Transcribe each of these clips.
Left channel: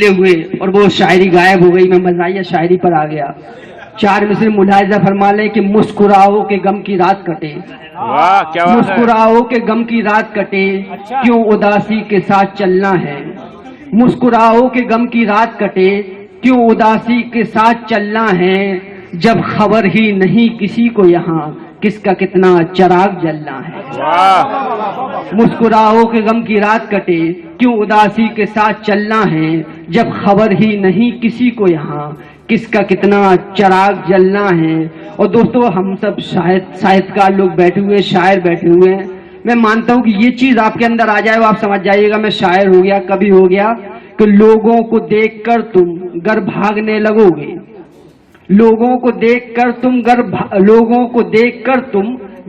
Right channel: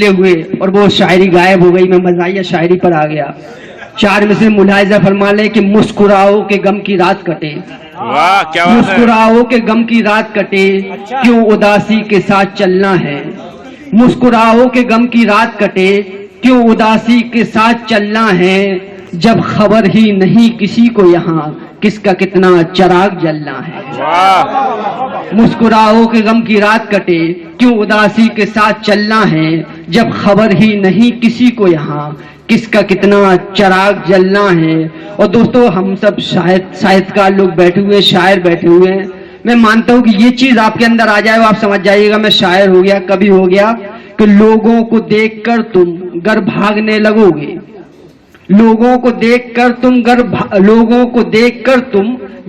ڈھیلے ہوئے اور وہ شاعری غائب ہو گئی. میں مزاحیہ شاعری پر آ گیا. 4 مصرے ملاحظہ فرما لے کہ مسکراؤ کہ غم کی رات کٹے. واہ کیا بات ہے. مسکراؤ کہ غم کی رات کٹے, کیوں اداسی کے ساتھ چلنا ہے. مسکراؤ کہ غم کی رات کٹے, کیوں اداسی کے ساتھ چلنا ہے. جب خبر ہی نہیں کسی کو یہاں کس کا کتنا چراغ جلنا ہے. واہ مسکراؤ کہ غم کی رات کٹے, کیوں اداسی کے ساتھ چلنا ہے. جب خبر ہی نہیں کسی کو یہاں کس کا کتنا چراغ جلنا ہے. اور دوستو ہم سب شاہدکار لوگ بیٹھے ہوئے, شاعر بیٹھے ہوئے ہیں. میں مانتا ہوں کہ یہ چیز آپ کے اندر آ جائے اور آپ سمجھ جائیے گا میں شاعر ہو گیا. کبھی ہو گیا کہ لوگوں کو دیکھ کر تم گر بھاگنے لگو گے. لوگوں کو دیکھ کر تم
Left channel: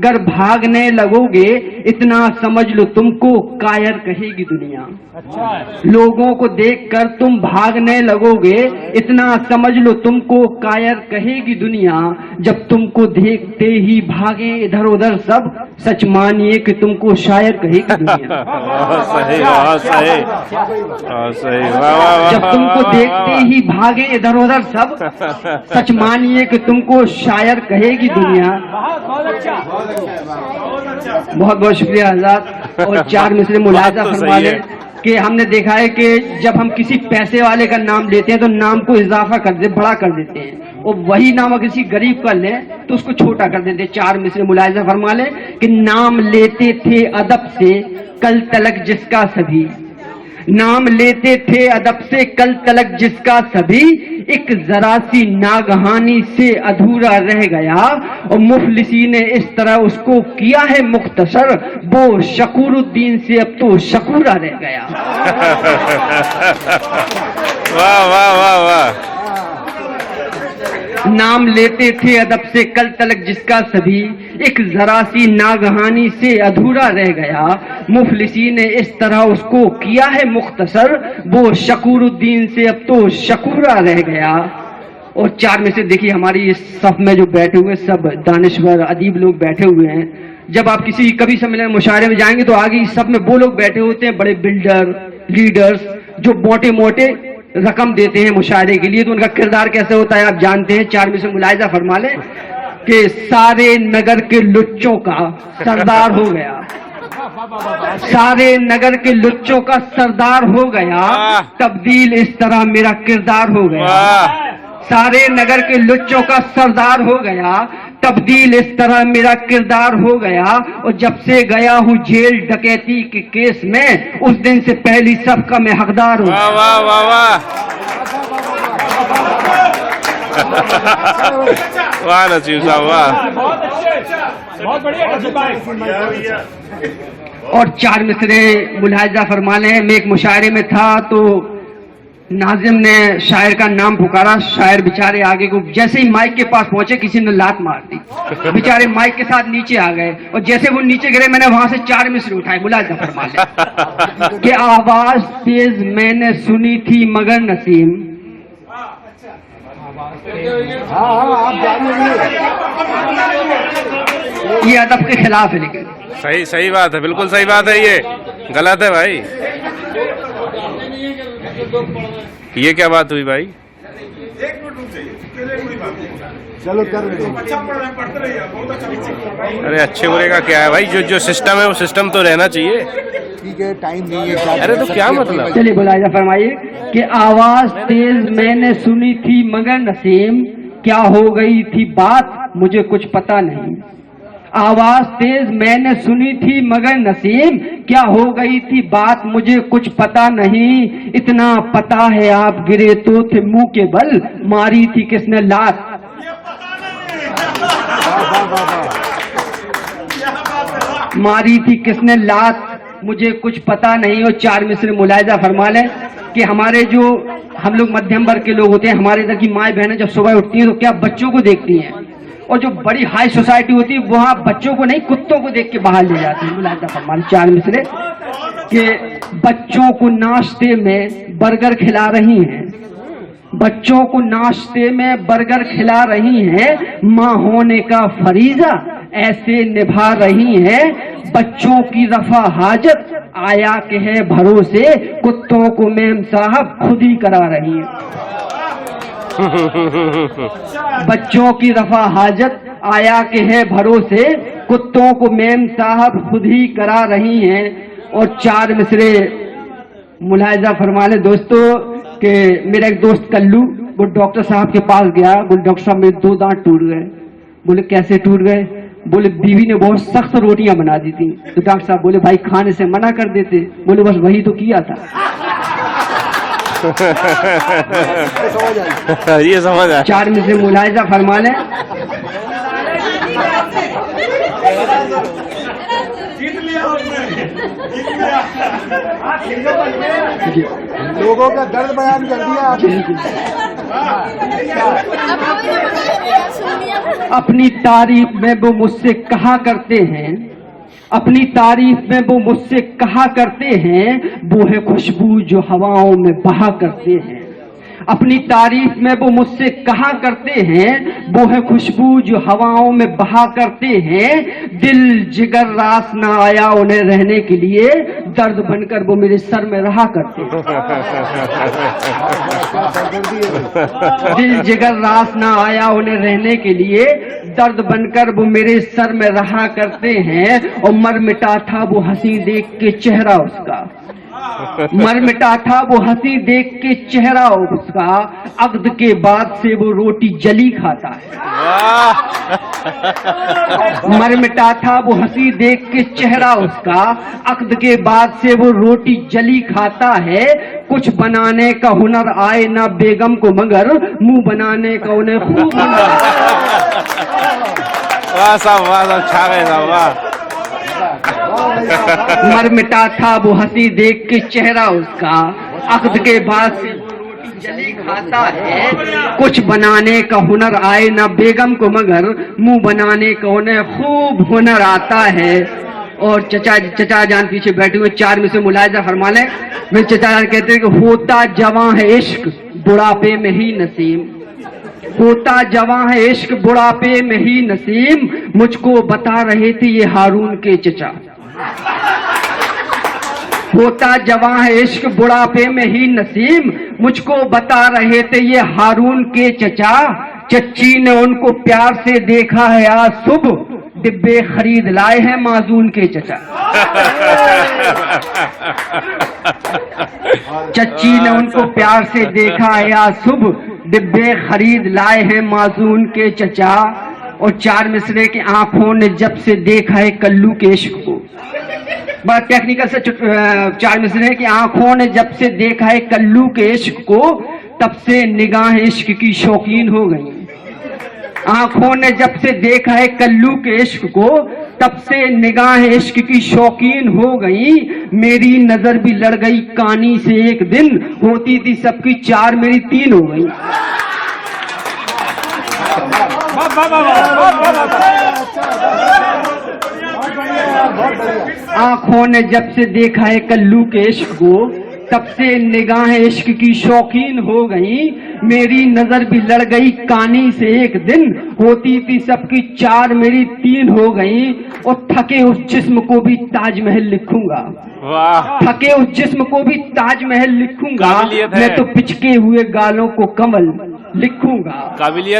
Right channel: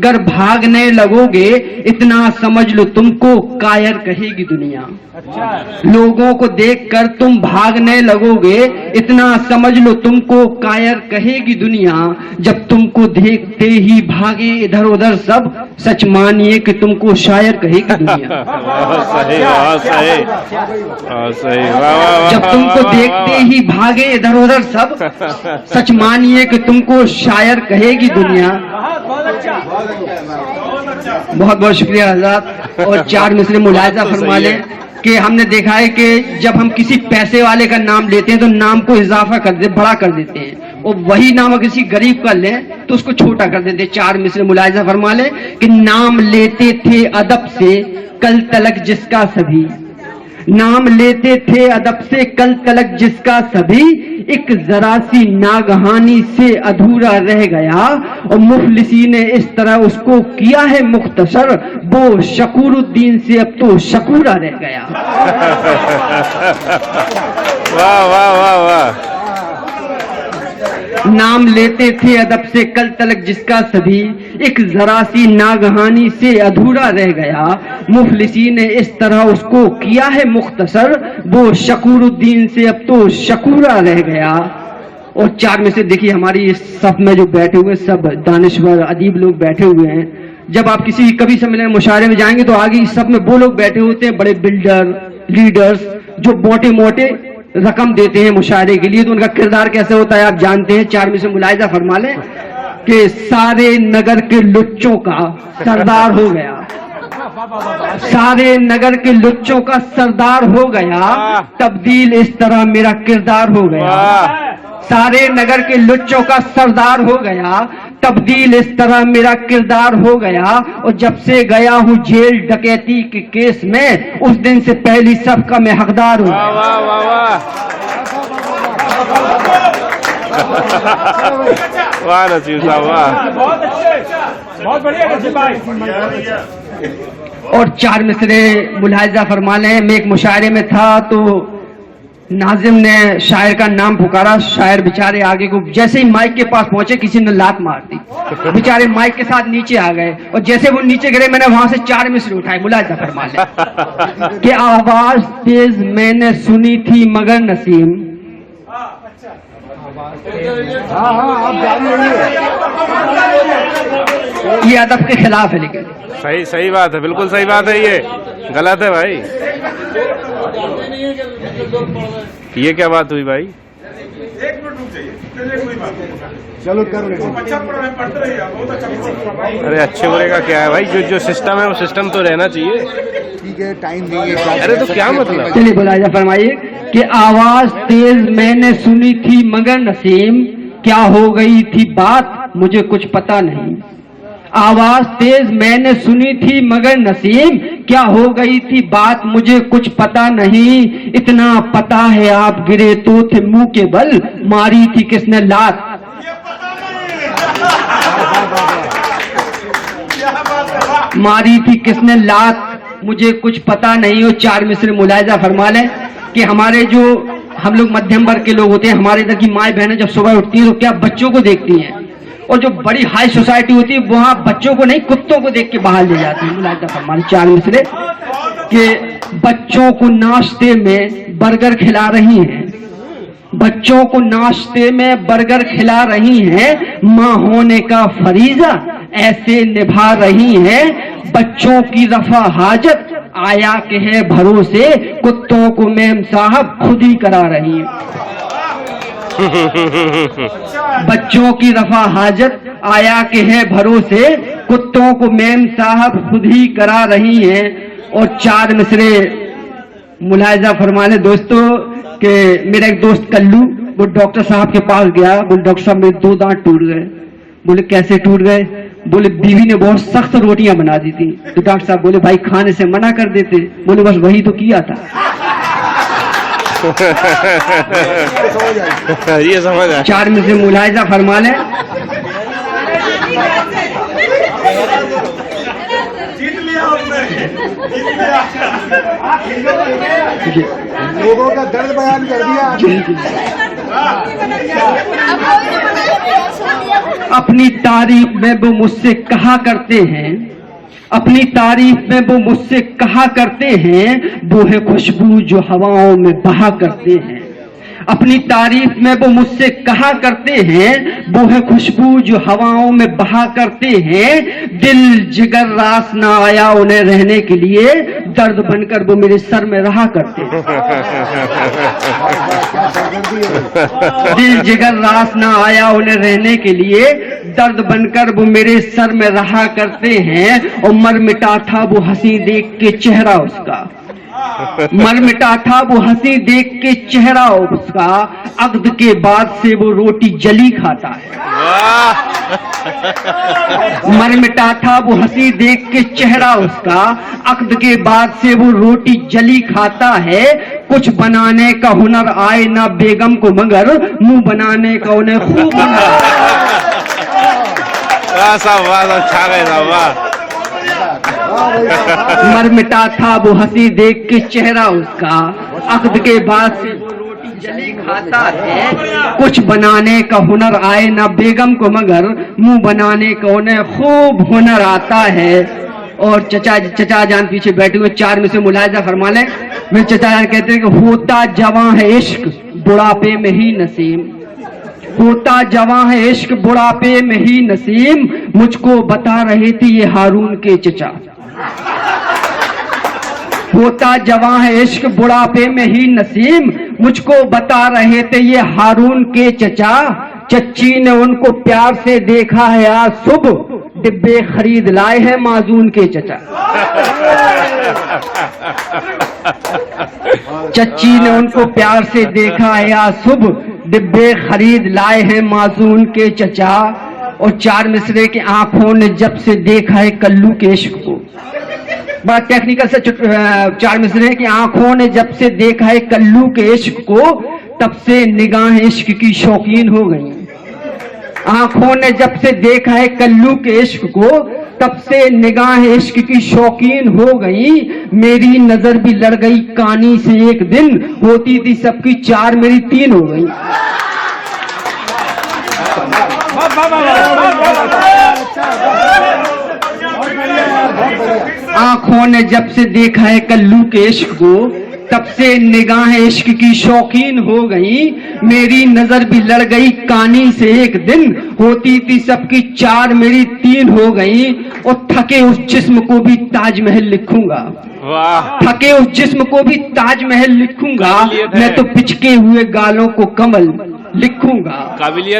گر بھاگنے لگو گے, اتنا سمجھ لو تم کو کائر کہے گی دنیا. لوگوں کو دیکھ کر تم بھاگنے لگو گے, اتنا سمجھ لو تم کو کائر کہے گی دنیا. جب تم کو دیکھتے ہی بھاگے ادھر ادھر سب, سچ مانیے کہ تم کو شاعر کہے گی دنیا. جب تم کو دیکھتے ہی بھاگے ادھر ادھر سب, سچ مانیے کہ تم کو شاعر کہے گی دنیا. بہت بہت شکریہ حضرات. اور 4 مصرے ملاحظہ فرما لیں کہ ہم نے دیکھا ہے کہ جب ہم کسی پیسے والے کا نام لیتے ہیں تو نام کو اضافہ کر دیتے, بڑا کر دیتے ہیں, اور وہی نام کسی غریب کا لیں تو اس کو چھوٹا کر دیتے. 4 مصرے ملاحظہ فرما لیں کہ نام لیتے تھے ادب سے کل تلک جس کا سبھی. نام لیتے تھے ادب سے کل تلک جس کا سبھی, ایک ذرا سی ناگہانی سے ادھورا رہ گیا. اور مفلسی نے اس طرح اس کو کیا ہے مختصر, وہ شکور الدین سے اب تو شکورا رہ گیا. واہ واہ واہ واہ. نام لیتے تھے ادب سے کل تلک جس کا سبھی, ایک ذرا سی ناگہانی سے ادھورا رہ گیا. مفلسی نے اس طرح اس کو کیا ہے مختصر, وہ شکور الدین سے اب تو شکورا رہ گیا. اور 4 میں سے دیکھیے ہماری اس صف میں جو بیٹھے ہوئے سب دانشور ادیب لوگ بیٹھے ہوئے ہیں. جب آپ کبھی سمجھنے مشاعرے میں جائیں گے تو آگے اس صف میں وہ لوگ بیٹھے ہوتے ہیں, بڑے بلڈر لیڈرز جو موٹے موٹے رقم دیتے ہیں مشاعرے کے لیے. تو ان کا کردار کیسے ہوتا ہے آپ جانتے ہیں. 4 میں سے ملاحظہ فرما لیں کہ سارے نگر کے لچوں کا سردار ہو گیا. سارے نگر کے لچوں کا سردار ہو گیا, تبدیل اس طرح میرا کردار ہو گیا. سارے نگر کے لچوں کا سردار ہو گیا, تبدیل اس طرح میرا کردار ہو گیا. اور جب سے گیا ہوں جیل ڈکیتی کے کیس میں, اس دن سے پہلی سب کا میں حقدار ہوں. واہ واہ واہ واہ. واہ نصیب صاحب واہ. بہت بڑھیا. اور 4 مصرے ملاحظہ فرما لیں. میں ایک مشاعرے میں تھا تو ناظم نے شاعر کا نام پکارا. شاعر بیچارے آگے کو جیسے ہی مائک کے پاس پہنچے کسی نے لات مار دی. بیچارے مائک کے ساتھ نیچے آ گئے, اور جیسے وہ نیچے گرے میں نے وہاں سے 4 مصرے اٹھائے. ملاحظہ فرما لیں کہ آواز تیز میں نے سنی تھی مگر نسیم. یہ ادب کے خلاف ہے, لیکن صحیح بات ہے, بالکل صحیح بات ہے. یہ غلط ہے بھائی. یہ کیا بات ہوئی بھائی؟ ارے اچھے برے کا کیا ہے بھائی, جو سسٹم ہے وہ سسٹم تو رہنا چاہیے. ٹھیک ہے, ٹائم نہیں ہے. ارے تو کیا مطلب. چلیے ملاحظہ فرمائیے کہ آواز تیز میں نے سنی تھی مگر نسیم, کیا ہو گئی تھی بات مجھے کچھ پتا نہیں. آواز تیز میں نے سنی تھی مگر نسیم, کیا ہو گئی تھی بات مجھے کچھ پتا نہیں. اتنا پتا ہے آپ گرے تو تھے منہ کے بل, ماری تھی کس نے لات. ماری تھی کس نے لات مجھے کچھ پتا نہیں. اور 4 مصرے ملاحظہ فرما لیں کہ ہمارے جو ہم لوگ مدھیم ورگ کے لوگ ہوتے ہیں, ہمارے ادھر کی مائیں بہنیں جب صبح اٹھتی ہیں تو کیا بچوں کو دیکھتی ہیں, اور جو بڑی ہائی سوسائٹی ہوتی ہے وہاں بچوں کو نہیں کتوں کو دیکھ کے باہر لے جاتی ہیں. ملاحظہ فرما لیں 4 مصرے کہ بچوں کو ناشتے میں برگر کھلا رہی ہیں. بچوں کو ناشتے میں برگر کھلا رہی ہیں, ماں ہونے کا فریضہ ایسے نبھا رہی ہیں. بچوں کی رفع حاجت आया के है भरोसे कुत्तों को मेम साहब खुद ही करा रही है। बच्चों की रफा हाजत आया के है भरोसे कुत्तों को मेम साहब खुद ही करा रही हैं। और 4 मिसरे मुलाहिजा फरमा ले दोस्तों कि मेरा एक दोस्त कल्लू वो डॉक्टर साहब के पास गया, बोले डॉक्टर साहब मेरे 2 दांत टूट गए। बोले कैसे टूट गए? बोले बीवी ने बहुत सख्त रोटियां बना दी थी। तो डॉक्टर साहब बोले भाई खाने से मना कर देते। बोले बस वही तो किया था। ये समझ आया। 4 में से मुलाहिजा फरमा लें। लोगों का दर्द बयान कर दिया। अपनी तारीफ में वो मुझसे कहा करते हैं, अपनी तारीफ में वो मुझसे कहा करते हैं, वो है खुशबू जो हवाओं में बहा करते हैं। अपनी तारीफ में वो मुझसे कहा करते हैं, वो है खुशबू जो हवाओं में बहा करते हैं। दिल जिगर रास ना आया उन्हें रहने के लिए, दर्द बनकर वो मेरे सर में रहा करते हैं। दिल जिगर रास ना आया उन्हें रहने के लिए, दर्द बनकर वो मेरे सर में रहा करते हैं। और मर मिटा था वो हंसी देख के चेहरा उसका, मर मिटा था वो हंसी देख के चेहरा उसका। अक्द के बाद से वो रोटी जली खाता है। मर मिटा था वो हंसी देख के चेहरा उसका, अक्द के बाद से वो रोटी जली खाता है। कुछ बनाने का हुनर आए ना बेगम को, मगर मुंह बनाने का उन्हें खूब वाह साहब, वाह साहब, छा गए साहब, वाह। मर मिटा था वो हंसी देख के चेहरा उसका, अक्द के बाद से वो रोटी जली खाता है। कुछ बनाने का हुनर आए ना बेगम को, मगर मुंह बनाने का उन्हें खूब हुनर आता है। और चचा जान पीछे बैठे हुए 4 में से मुलाहिजा फरमा लें। मेरे चचा जान कहते हैं कि होता जवां है इश्क बुढ़ापे में ही नसीम, होता जवां है इश्क बुढ़ापे में ही नसीम। मुझको बता रहे थे ये हारून के चचा, होता जवां है इश्क बुढ़ापे में ही नसीम। मुझको बता रहे थे ये हारून के चचा। चच्ची ने उनको प्यार से देखा है आज सुबह, डिब्बे खरीद लाए हैं माजून के चचा। चच्ची ने उनको प्यार से देखा है आज सुबह, डिब्बे खरीद लाए हैं माजून के चचा। और 4 मिसरे की आंखों ने जब से देखा है कल्लू के इश्क को, बड़ा टेक्निकल से 4 मिसरे की आंखों ने जब से देखा है कल्लू के इश्क को, तब से निगाह इश्क की शौकीन हो गई। आंखों ने जब से देखा है कल्लू के इश्क को, तब से निगाह इश्क की शौकीन हो गई। मेरी नजर भी लड़ गई कानी से एक दिन, होती थी सबकी 4 मेरी 3 हो गई। आंखों ने जब से देखा है कल्लू के इश्क को, तब से निगाह इश्क की शौकीन हो गई। मेरी नजर भी लड़ गई कानी से एक दिन, होती थी सबकी 4 मेरी 3 हो गई। और थके उस जिस्म को भी ताजमहल लिखूंगा, थके उस जिस्म को भी ताजमहल लिखूंगा। मैं तो पिचके हुए गालों को कमल लिखूंगा,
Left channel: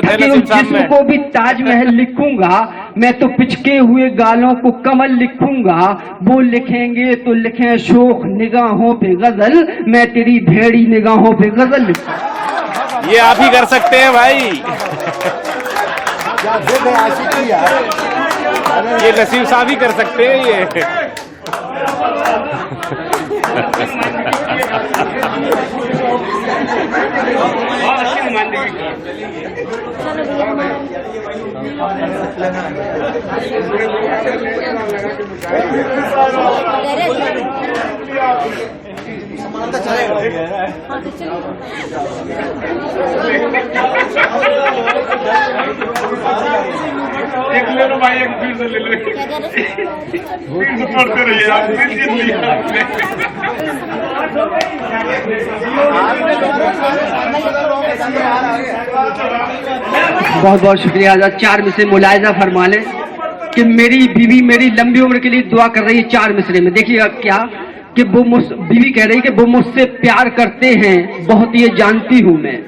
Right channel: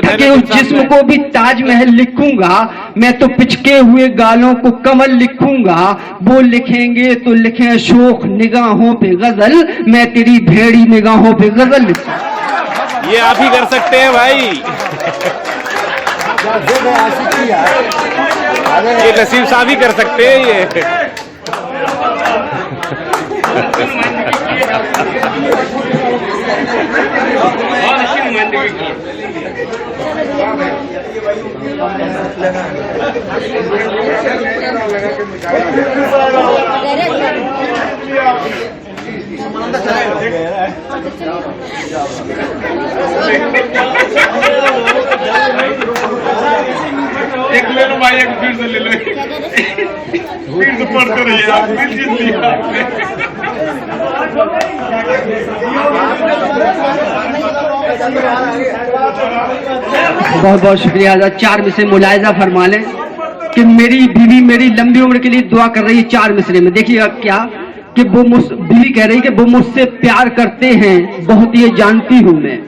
थके उस जिस्म को भी ताजमहल लिखूंगा। मैं तो पिचके हुए गालों को कमल लिखूंगा। वो लिखेंगे तो लिखे शोख निगाहों पे गजल, मैं तेरी भेड़ी निगाहों पे गजल लिखूंगा। ये आप ही कर सकते हैं भाई, ये नसीब साहब ही कर सकते हैं ये। एक ले लो भाई, एक फिर से ले लो, फिर से पढ़ते रहिए आप, फिर जीत लिया आपने। बहुत बहुत शुक्रिया। 4 मिसरे मुलाहिजा फरमा लें कि मेरी बीवी मेरी लंबी उम्र के लिए दुआ कर रही है। 4 मिसरे में देखिएगा क्या کہ बीवी कह रही कि वो मुझसे प्यार करते हैं बहुत ये जानती हूं मैं,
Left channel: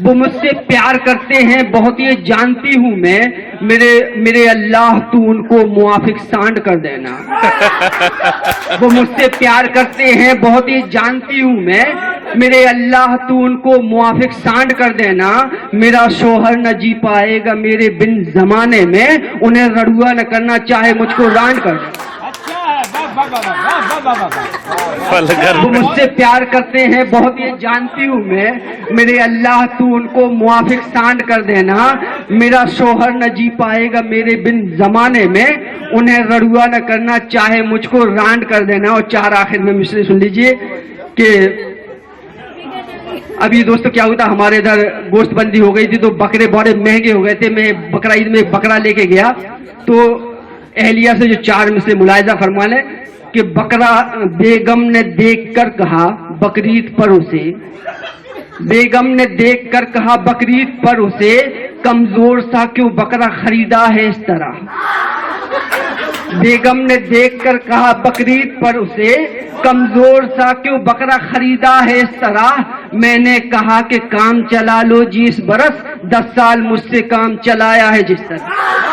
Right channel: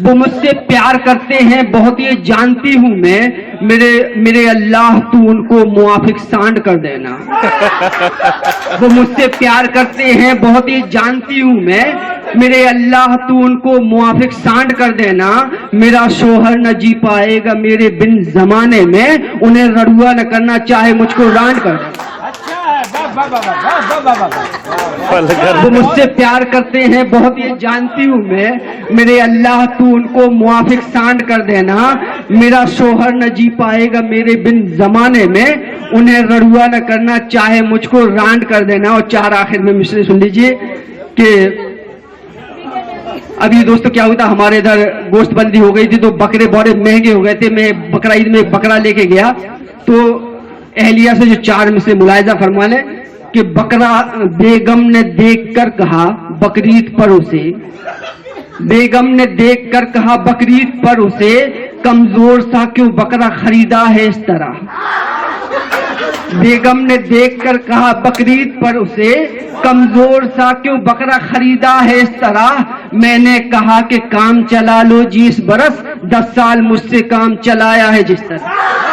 वो मुझसे प्यार करते हैं बहुत ये जानती हूं मैं, मेरे अल्लाह तू उनको मुआफिक सांड कर देना। वो मुझसे प्यार करते हैं बहुत ये जानती हूं मैं, मेरे अल्लाह तू उनको मुआफिक सांड कर देना, मेरा शोहर न जी पाएगा मेरे बिन जमाने में, उन्हें रड़ुआ न करना चाहे मुझको रांड कर देना। वो मुझसे प्यार करते हैं बहुत ये जानती हूँ मैं, मेरे अल्लाह तू उनको मुआफिक सांड कर देना, मेरा शोहर न जी पाएगा मेरे बिन जमाने में, उन्हें रड़ुआ न करना चाहे मुझको रांड कर देना। और 4 आखिर में मिसरे सुन लीजिए कि अभी दोस्तों क्या हुआ था, हमारे इधर गोश्त बंदी हो गई थी तो बकरे बड़े महंगे हो गए थे। मैं बकरा ईद में बकरा लेके गया तो अहलिया से जो 4 में से मुलायजा फरमा ले कि बकरा बेगम ने देखकर कहा बकरीद पर उसे, बेगम ने देखकर कहा बकरीद पर उसे, कमजोर सा क्यों बकरा खरीदा है इस तरह। बेगम ने देखकर कहा बकरीद पर उसे, कमजोर सा क्यों बकरा खरीदा है इस तरह। मैंने कहा कि काम चला लो जी इस बरस, 10 साल मुझसे काम चलाया है जिस तरह।